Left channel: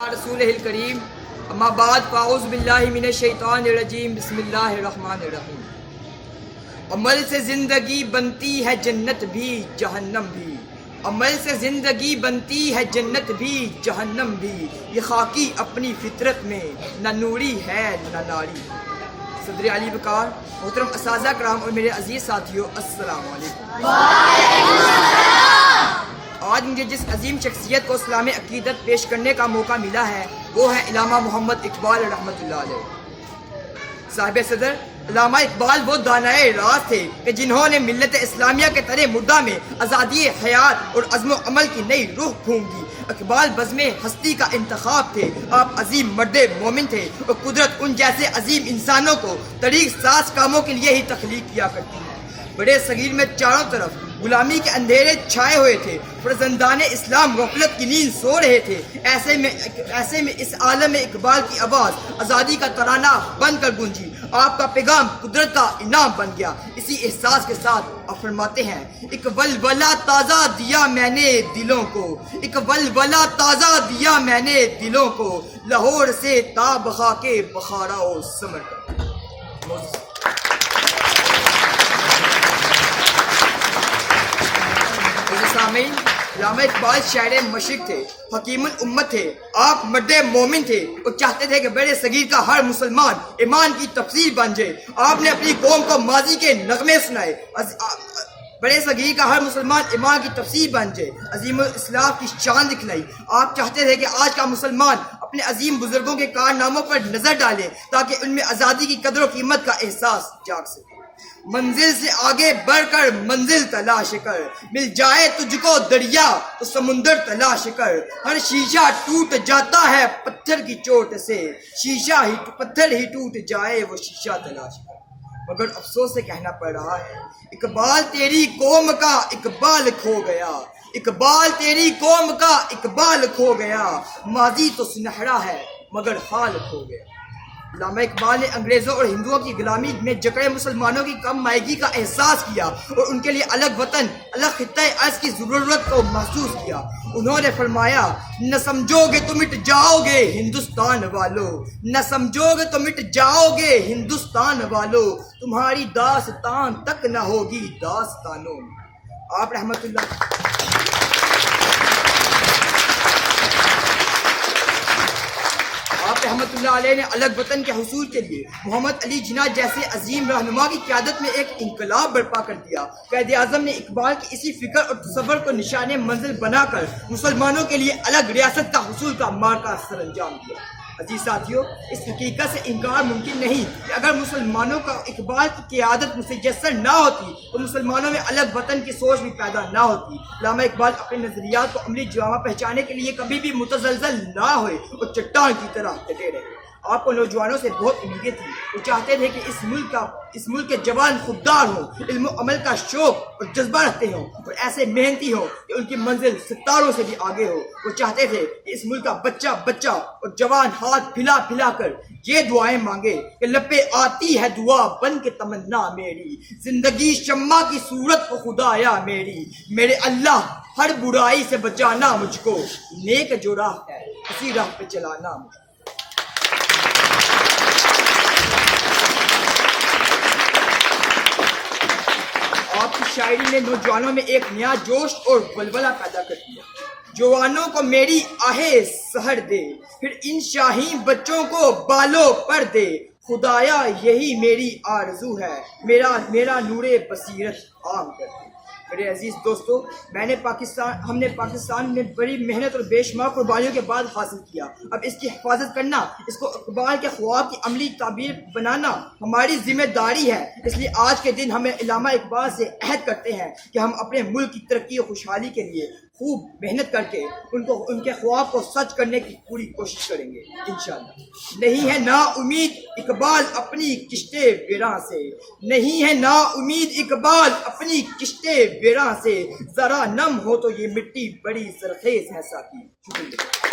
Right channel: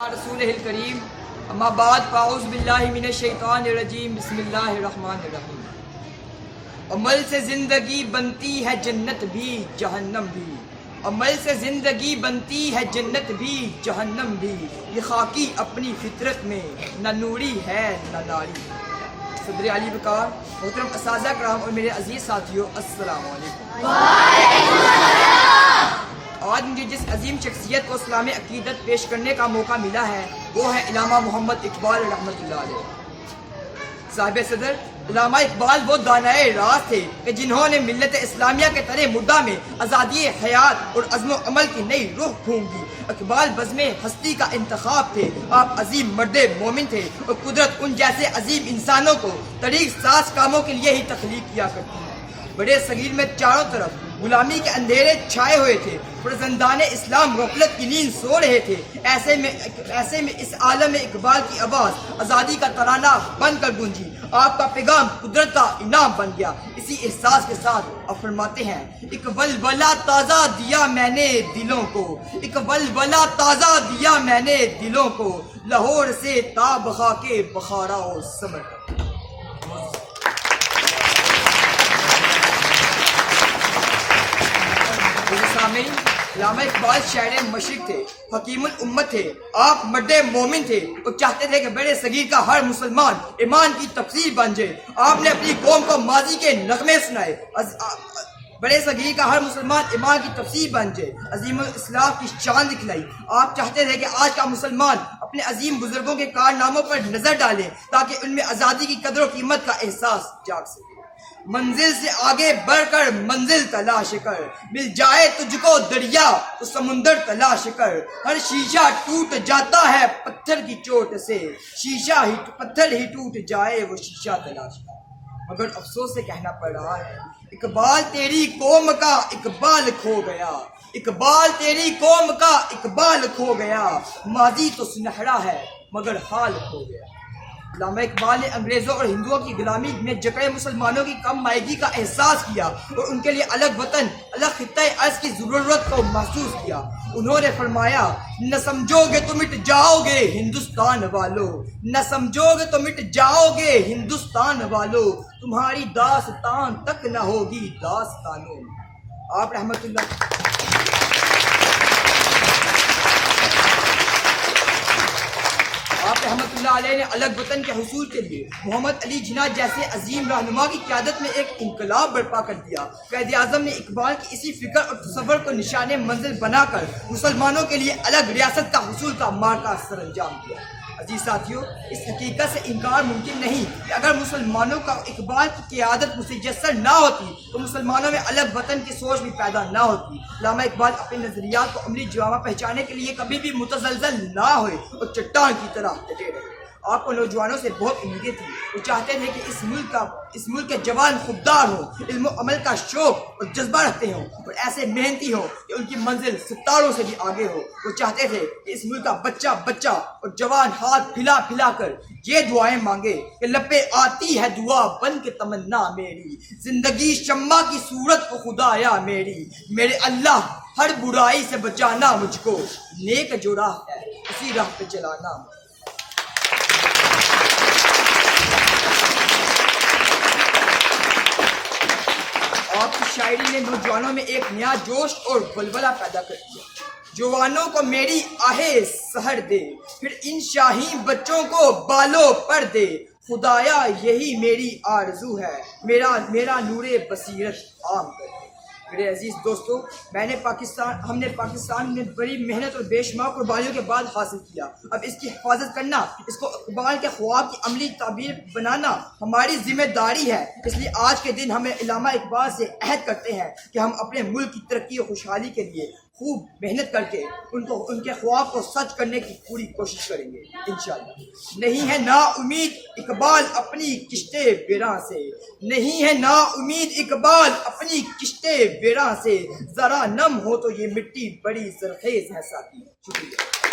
رسول الکریم اما بعد فاعوذ باللہ من الشیطان الرجیم بسم اللہ الرحمن الرحیم۔ عمل سے زندگی بنتی ہے جنت بھی جہنم بھی، عمل سے زندگی بنتی ہے جنت بھی جہنم بھی، یہ خاکی اپنی فطرت میں نہ نوری ہے نہ ناری۔ صدر علی وقار، محترم اساتذہ کرام اور میرے عزیز ساتھیوں، السلام علیکم۔ آج مجھے جس عظیم شخصیت کو اسلامی عقیدت پیش کرنے کا موقع ملا ہے وہ ہے علامہ محمد اقبال رحمۃ اللہ علیہ۔ صاحب صدر علامہ اقبال وہ دانائے راز تھے کہ جنہوں نے ملت اسلامیہ کے ترے مدعا میں آزادی حیات اور عزم و عمل کی نئی روح پھونک دی۔ اقبال بزم ہستی کا انتخاب تھے، آپ عظیم مرد مومن تھے اور قدرت ان جیسے عظیم انسانوں کو طریق ساز کاموں کے لیے ہی تخلیق کیا کرتی ہے۔ بڑے صغیر میں چاروں طرف غلامی کے اندھیرے چھائے ہوئے تھے، فرزندان اسلام غفلت کی نیند سو رہے تھے۔ ایسے میں اس عالم اقبال کی آواز آزادی کا ترانہ بن کر گونجی، آپ کا پیغام قدرت کا انعام بن گیا۔ اسی احساس کے ساتھ آپ فرماتے ہیں، ایک ولولہ تازہ دیا میں نے دلوں کو، ایک ولولہ تازہ دیا میں نے دلوں کو، لاہور سے تاب خاک بخارا و سمرقند۔ سامعین، علامہ اقبال شاعر مشرق تھے، حکیم الامت تھے، آپ مرد مومن تھے اور چاہتے تھے کہ بڑے صغیر کا ہر مسلمان ایمان کی تفسیر بن جائے۔ آپ نے اپنی قوم کو ماضی کے نغمے سنائے، بڑے صغیر کا ہر مسلمان ایمان کی تفسیر بن جائے، عظیم الاسلام کی شان دکھلائی۔ آپ چاہتے تھے کہ آج کا مسلمان اپنے عظیم بزرگوں کے کارناموں پر نظر ڈالے تاکہ ان میں آزادی کی قدر و قیمت کا احساس جاگ سکے۔ منزل سے آگے بڑھ کر منزل تلاش کر، مل جائے تجھ کو دریا تو سمندر تلاش کر، ہر شیشہ ٹوٹ جاتا ہے پتھر کی چوٹ سے، پتھر ہی ٹوٹ جائے وہ شیشہ تلاش کر۔ مگر افسوس سے کہنا پڑ رہا ہے، اقبال تیری قوم کا اقبال کھو گیا، اقبال تیری قوم کا اقبال کھو گیا، ماضی تو سنہرا ہے مگر حال کھو گیا۔ علامہ اقبال نے انگریزوں اور ہندوؤں کی غلامی میں جکڑے مسلمانوں کی کم مائگی کا احساس کیا اور ان کے لیے الگ وطن، الگ خطۂ ارض کی ضرورت کو محسوس کیا۔ انہوں نے فرمایا، نہ سمجھو گے تو مٹ جاؤ گے ہندوستان والو، نہ سمجھو گے تو مٹ جاؤ گے ہندوستان والو، تمہاری داستان تک نہ ہوگی داستانوں۔ آپ رحمت اللہ علیہ نے الگ وطن کے حصول کے لیے محمد علی جناح جیسے عظیم رہنما کی قیادت میں ایک انقلاب برپا کر دیا۔ قائد اعظم نے اقبال کی اسی فکر اور تصور کو نشان منزل بنا کر مسلمانوں کے لیے الگ ریاست کا حصول کا مارکا سر انجام دیا۔ عزیز ساتھیوں، اس حقیقت سے انکار ممکن نہیں کہ اگر مسلمانوں کا اقبال کی قیادت مسجسر نہ ہوتی تو مسلمانوں میں الگ وطن کی سوچ بھی پیدا نہ ہوتی۔ علامہ اقبال اپنے نظریات کو عملی جامہ پہچانے کے لیے کبھی بھی متزلزل نہ ہوئے اور چٹان کی طرح ڈٹے رہے۔ آپ کو نوجوانوں سے بہت امیدیں تھیں، وہ چاہتے تھے کہ اس ملک کے جوان خوددار ہوں، علم و عمل کا شوق اور جذبہ رکھتے ہوں اور ایسے محنتی ہوں کہ ان کی منزل ستاروں سے بھی آگے ہو۔ وہ چاہتے تھے کہ اس ملک کا بچہ اور جوان ہاتھ پھیلا پھیلا کر یہ دعائیں مانگے کہ لب پہ آتی ہے دعا بن کے تمنا میری، زندگی شمع کی صورت کو خدایا میرے اللہ ہر برائی سے بچانا مجھ کو، نیک جو راہ ہے اسی راہ پہ چلانا مجھ کو۔ آپ کی شاعری نے نوجوانوں میں ایک نیا جوش اور ولولہ پیدا کر دیا۔ جوانوں کو میری آہے سحر دے، پھر ان شاہین بچوں کو بالوں پر دے، خدایا یہی میری آرزو ہے، میرا نور بصیرت عام کر دے۔ میرے عزیز دوستو، ہم نے پاکستان میں بڑی محنت اور بے شمار قربانیوں کے بعد حاصل کیا۔ اب اس کی حفاظت کرنا، اس کو اقبال کے خواب کی عملی تعبیر بنانا ہماری ذمہ داری ہے۔ اس لیے آج کے دن ہمیں علامہ اقبال سے عہد کرتے ہیں کہ ہم اپنے ملک کی ترقی اور خوشحالی کے لیے خوب محنت کر کے ان کے خواب کو سچ کرنے کی پوری کوشش کریں گے انشاءاللہ۔ نہیں ہے نا امید اقبال اپنی کشتے ویراں سے، نہیں ہے نا امید اقبال اپنی کشتے ویراں سے، ذرا نم ہو تو یہ مٹی بڑی زرخیز ہے ساتھی۔ شکریہ۔